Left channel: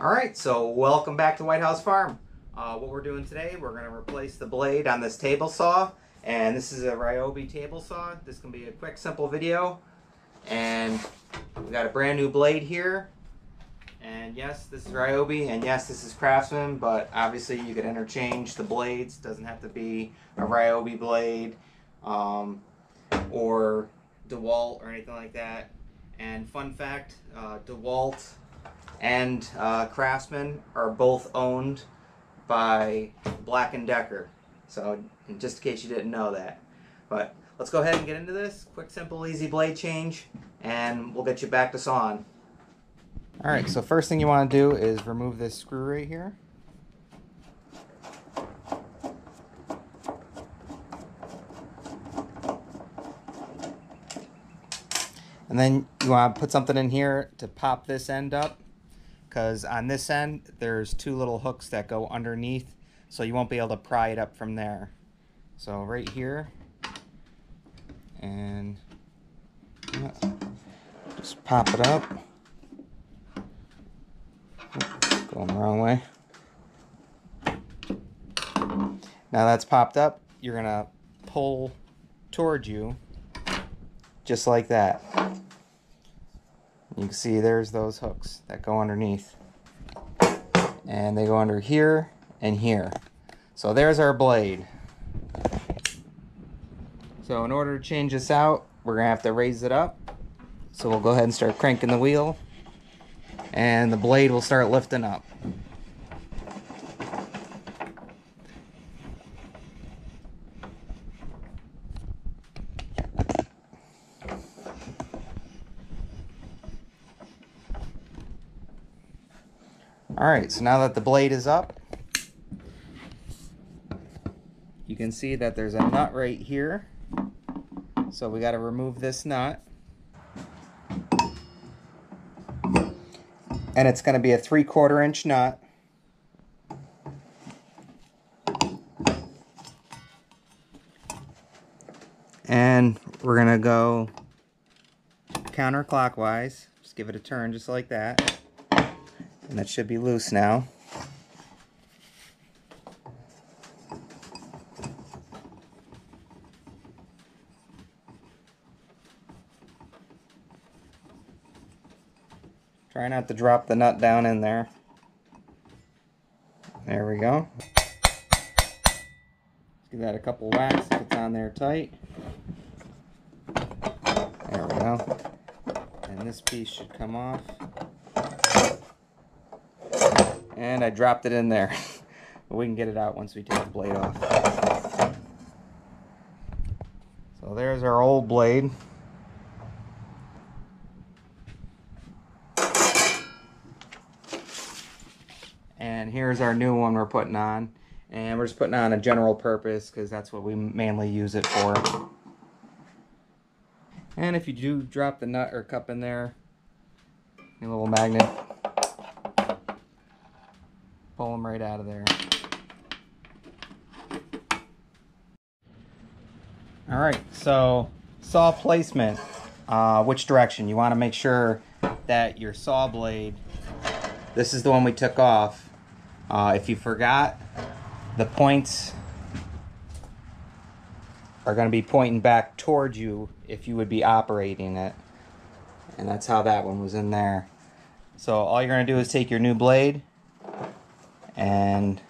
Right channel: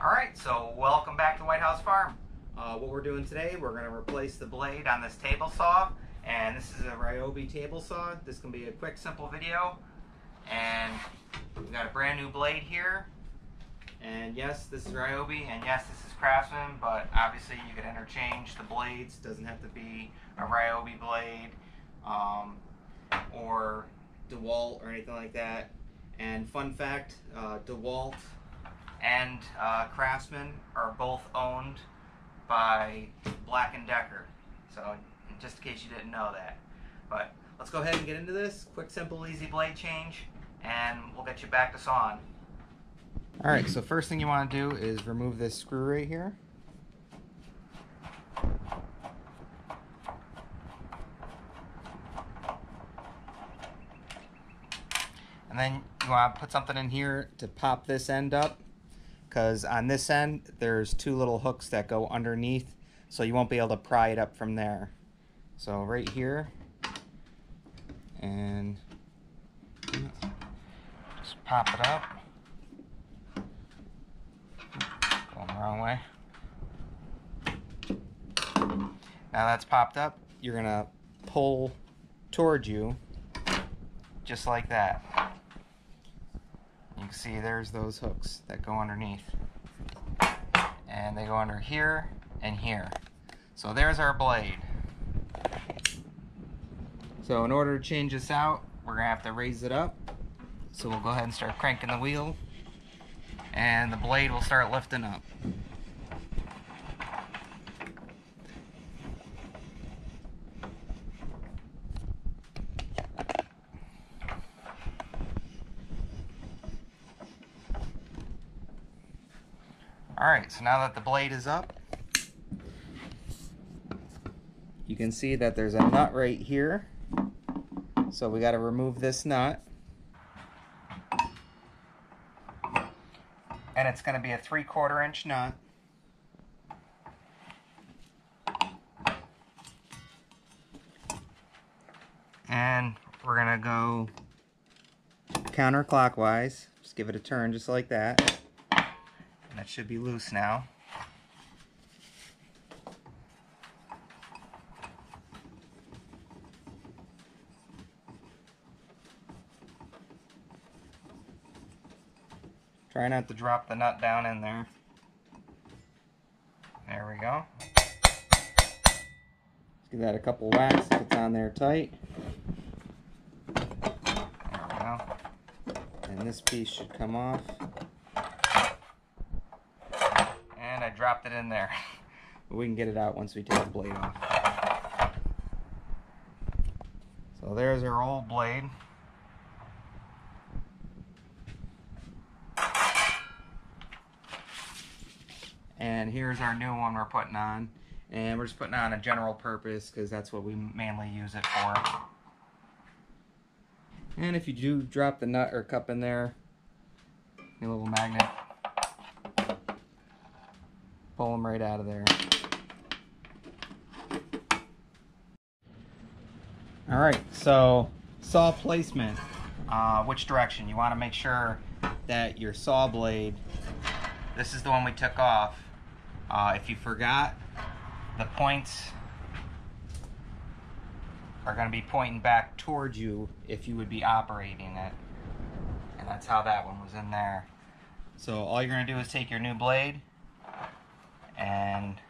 Alright, so welcome back to White House Farm. What we're doing today, we're going to replace the blade on this table saw. And this is a Ryobi table saw. This can be a quick, simple video. And we got a brand new blade here. And yes, this is Ryobi, and yes, this is Craftsman, but obviously you could interchange the blades. It doesn't have to be a Ryobi blade or DeWalt or anything like that. And fun fact, DeWalt and Craftsman are both owned by Black & Decker. So just in case you didn't know that. But let's go ahead and get into this. Quick, simple, easy blade change, and we'll get you back to sawing. Alright, so first thing you want to do is remove this screw right here. And then you want to put something in here to pop this end up, because on this end there's two little hooks that go underneath, so you won't be able to pry it up from there. So right here, and just pop it up. Going the wrong way. Now that's popped up, you're gonna pull towards you just like that. You can see there's those hooks that go underneath, and they go under here and here. So there's our blade. So in order to change this out, we're gonna have to raise it up. So we'll go ahead and start cranking the wheel, and the blade will start lifting up. Alright, so now that the blade is up, you can see that there's a nut right here. So we got to remove this nut. And it's going to be a 3/4 inch nut. And we're going to go counterclockwise. Just give it a turn just like that. And that should be loose now. Try not to drop the nut down in there. There we go. Let's give that a couple whacks if it's on there tight. There we go. And this piece should come off. And I dropped it in there. But we can get it out once we take the blade off. So there's our old blade. And here's our new one we're putting on. And we're just putting on a general purpose because that's what we mainly use it for. And if you do drop the nut or cup in there, a little magnet, pull them right out of there. Alright, so saw placement. Which direction? You want to make sure that your saw blade, this is the one we took off. If you forgot, the points are going to be pointing back towards you if you would be operating it. And that's how that one was in there. So all you're going to do is take your new blade, and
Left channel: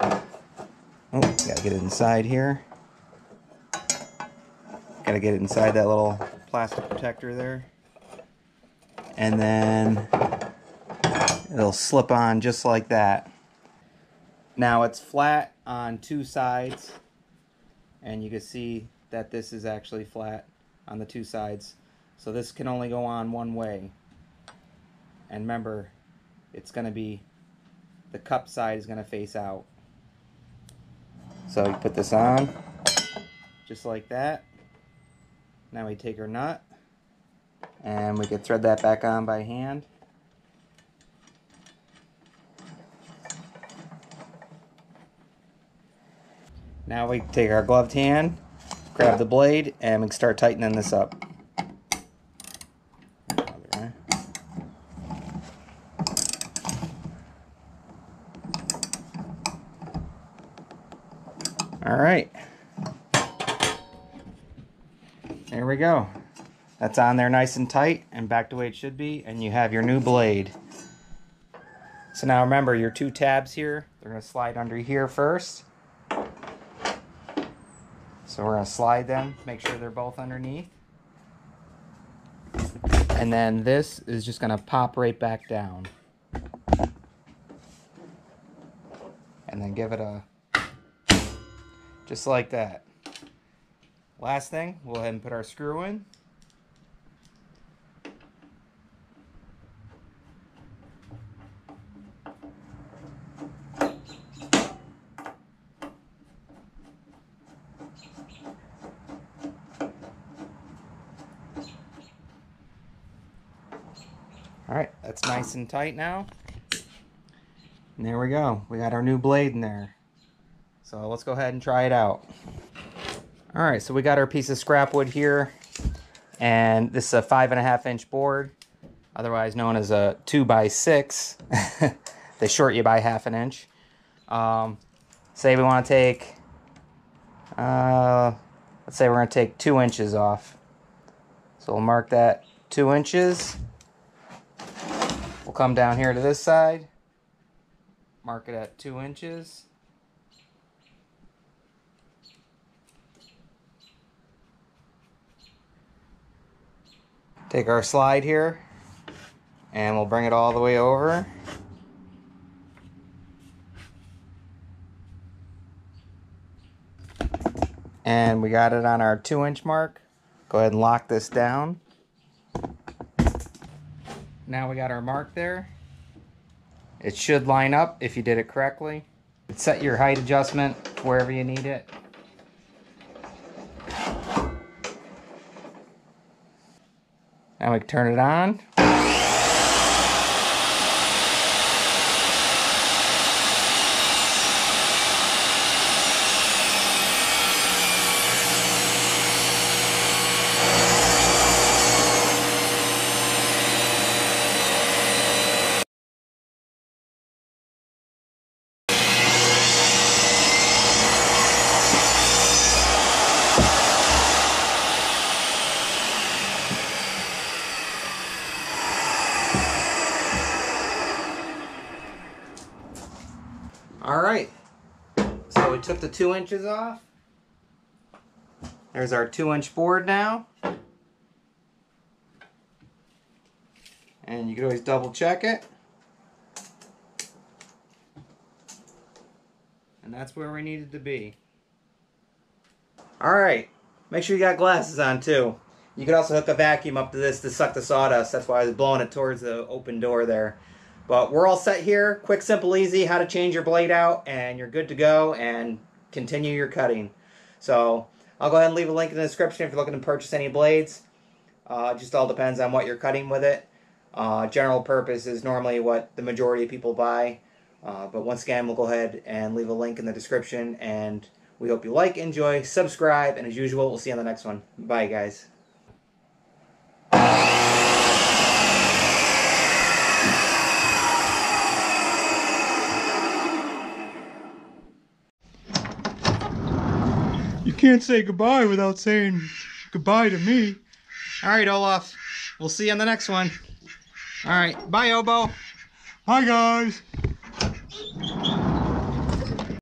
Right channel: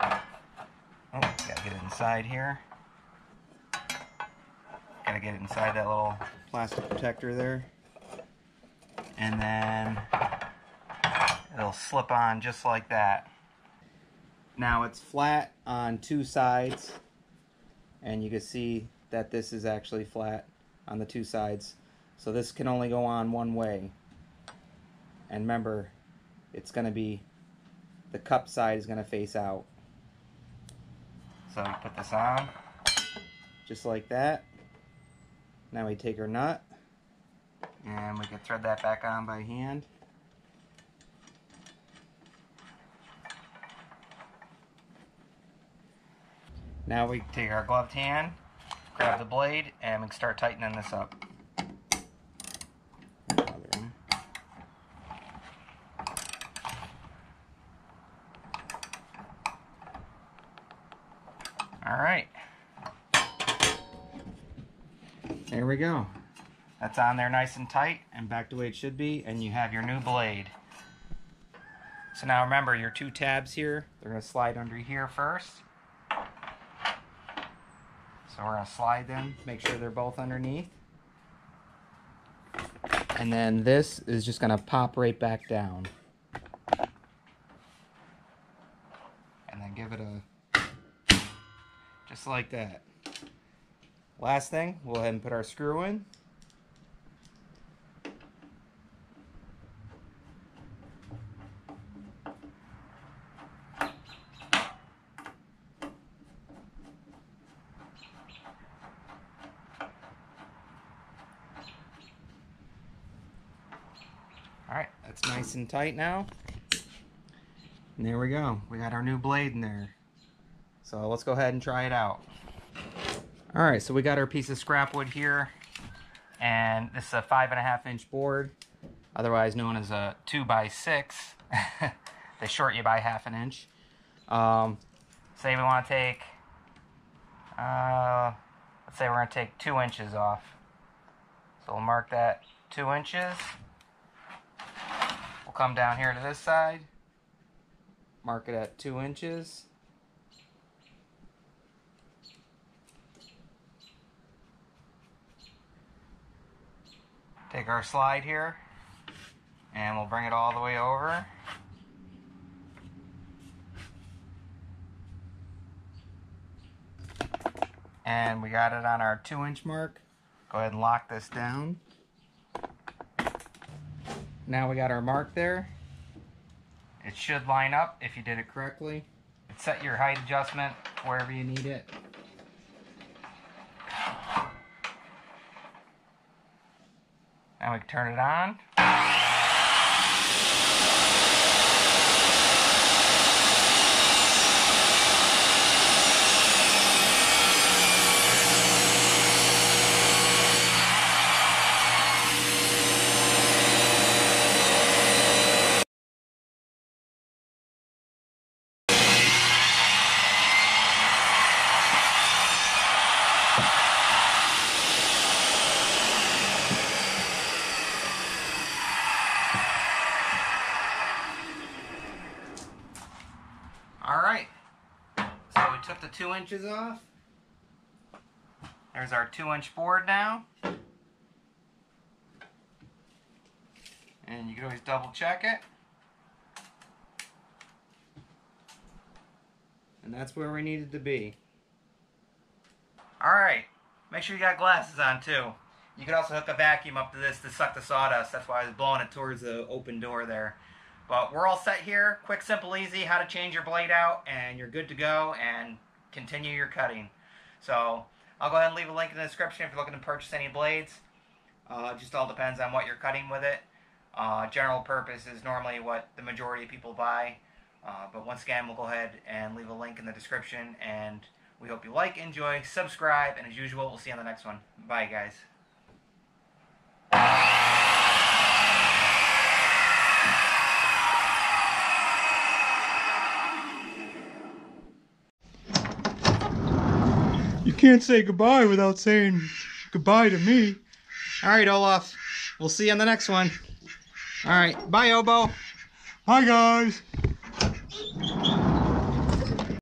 gotta get it inside here. Gotta get it inside that little plastic protector there, and then it'll slip on just like that. Now it's flat on two sides, and you can see that this is actually flat on the two sides. So this can only go on one way. And remember, it's gonna be, the cup side is going to face out. So you put this on just like that. Now we take our nut and we can thread that back on by hand. Now we take our gloved hand, grab the blade, and we can start tightening this up. There we go. That's on there nice and tight and back the way it should be, and you have your new blade. So now remember, your two tabs here, they're going to slide under here first. So we're going to slide them, make sure they're both underneath. And then this is just going to pop right back down. And then give it a, just like that. Last thing, we'll go ahead and put our screw in. Alright, that's nice and tight now. And there we go. We got our new blade in there. So let's go ahead and try it out. Alright, so we got our piece of scrap wood here. And this is a 5.5 inch board, otherwise known as a 2x6. They short you by 1/2 inch. Say we want to take, let's say we're going to take 2 inches off. So we'll mark that 2 inches. We'll come down here to this side, mark it at 2 inches. Take our slide here, and we'll bring it all the way over. And we got it on our 2 inch mark. Go ahead and lock this down. Now we got our mark there. It should line up if you did it correctly. Set your height adjustment wherever you need it. Now we can turn it on. Alright, so we took the 2 inches off. There's our 2 inch board now. And you can always double check it. And that's where we needed to be. Alright, make sure you got glasses on too. You could also hook a vacuum up to this to suck the sawdust. That's why I was blowing it towards the open door there. But we're all set here. Quick, simple, easy, how to change your blade out, and you're good to go and continue your cutting. So I'll go ahead and leave a link in the description if you're looking to purchase any blades. Just all depends on what you're cutting with it. General purpose is normally what the majority of people buy. But once again, we'll go ahead and leave a link in the description, and we hope you like, enjoy, subscribe, and as usual, we'll see you on the next one. Bye, guys. You can't say goodbye without saying goodbye to me. Alright, Olaf. We'll see you on the next one. Alright. Bye, Obo. Hi, guys.